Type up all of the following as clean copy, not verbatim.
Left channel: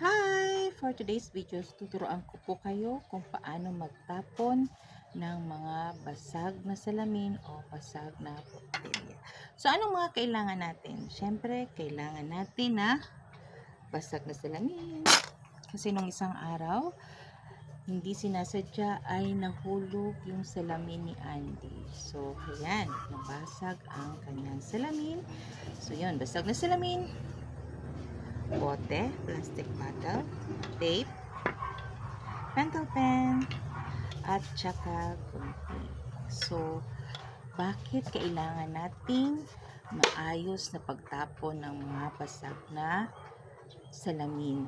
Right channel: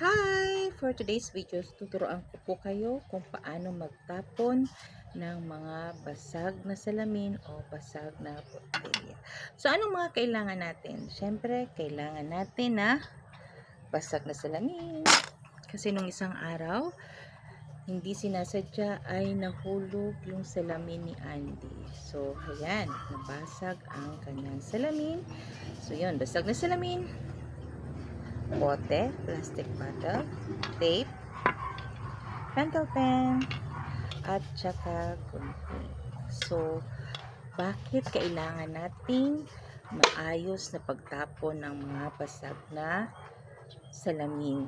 Hi! For today's videos, tuturuan ko po kayo kung paano magtapon ng mga basag na salamin o basag na botelya. So, anong mga kailangan natin? Siyempre, kailangan natin na basag na salamin. Kasi nung isang araw, hindi sinasadya ay nahulog yung salamin ni Andy. So, ayan, nabasag ang kanyang salamin. So, yun, basag na salamin. Bote, plastic bottle, tape, pentel pen, at saka gunting. So, bakit kailangan nating maayos na pagtapon ng mga basag na salamin?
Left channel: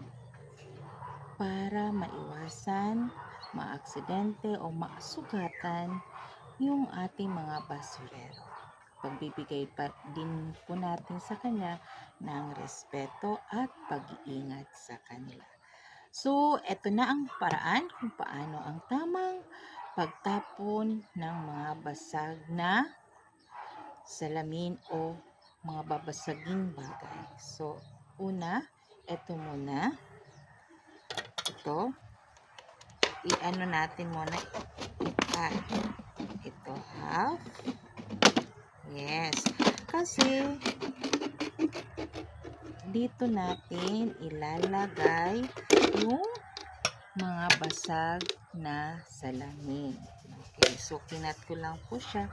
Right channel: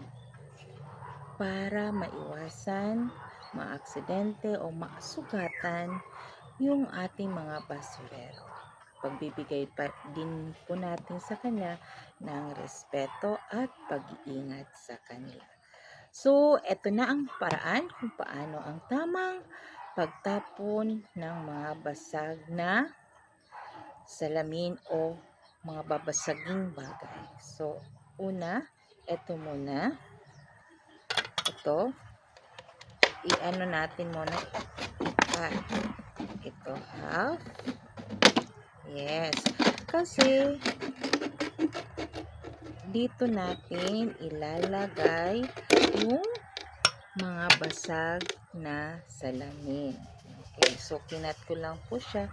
Para maiwasan maaksidente o masugatan yung ating mga basurero. Pagbibigay pa din po natin sa kanya ng respeto at pag-iingat sa kanila. So, eto na ang paraan kung paano ang tamang pagtapon ng mga basag na salamin o mga babasaging bagay. So, una, eto muna. Ito, i-ano natin muna, i-cut. Ito, half. Yes. Kasi, dito natin ilalagay yung mga basag na salamin. Okay, so kinat ko lang po siya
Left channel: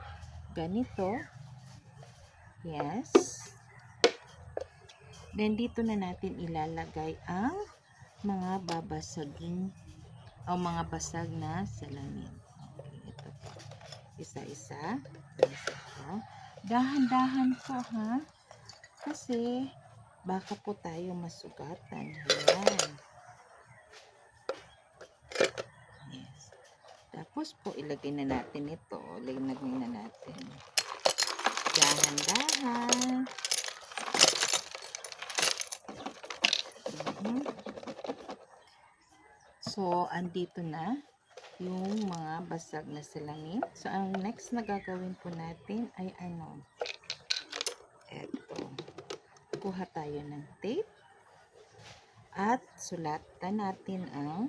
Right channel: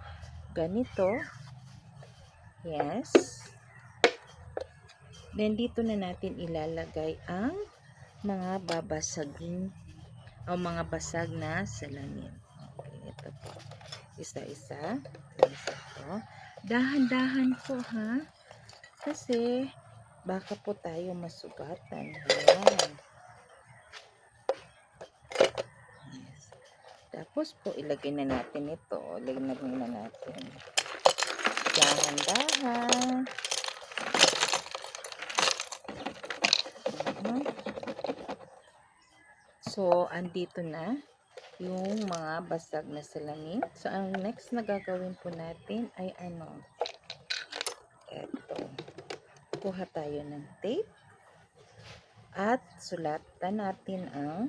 ganito. Yes. Then dito na natin ilalagay ang mga babasaging o mga basag na salamin. Okay, ito po. Isa-isa. Dahan-dahan po ha. Kasi baka po tayo masugatan. Ayan. Yes. Tapos po, ilagay na natin ito. Lagyan na natin. Dahan-dahan. So, andito na yung mga basag na salamin. So, ang next na gagawin po natin ay ano? Ito. Kuha tayo ng tape. At sulatan natin ang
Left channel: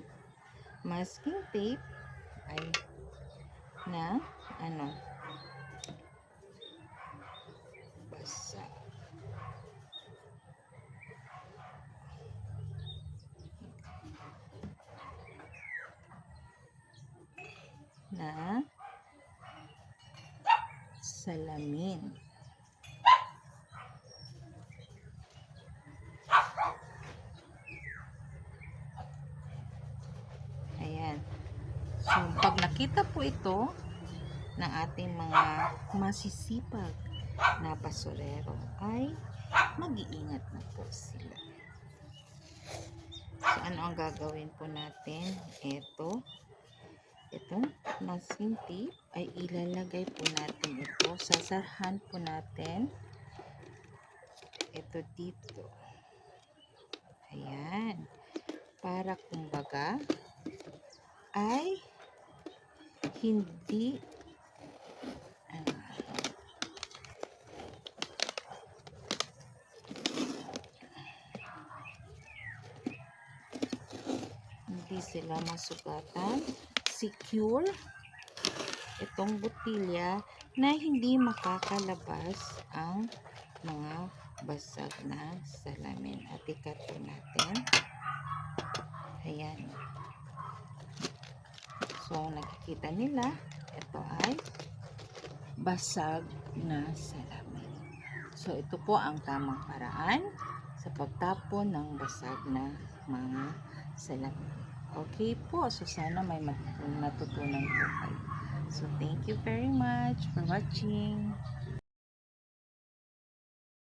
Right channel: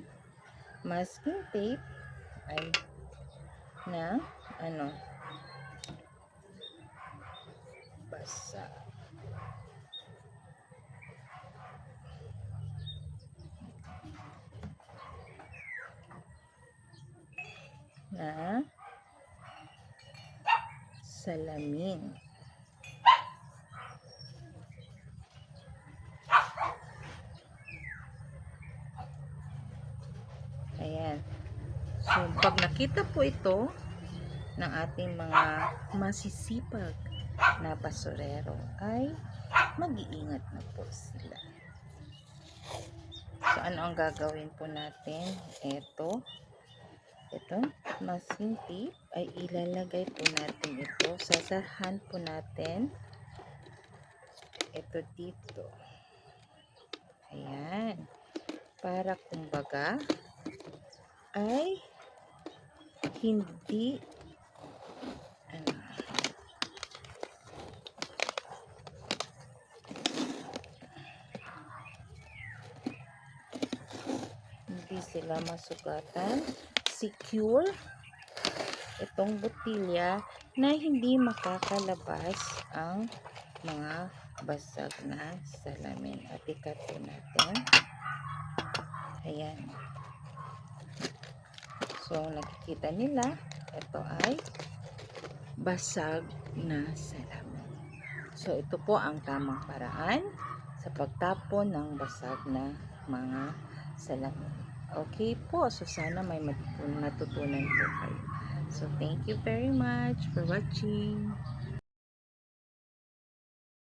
masking tape ay na ano? Basa. Na salamin. Ayan. So, pag nakita po ito ng ating mga masisipag na basurero, ay mag-iingat na po sila. So, ano ang gagawin po natin? Ito, masking tape, ay ilalagay po natin ito. Sasahan po natin ito dito. Ayan. Para kumbaga, ay hindi hindi sila masugatan. Secure itong botilya na hindi makakalabas ang mga basag na salamin. At ikat po natin. Ayan. So, nakikita nila, ito ay basag na salamin. So, ito po ang tamang paraan sa pagtapon ng basag na mga salamin. Okay po, so sana may matutunan po kayo. So, thank you very much for watching.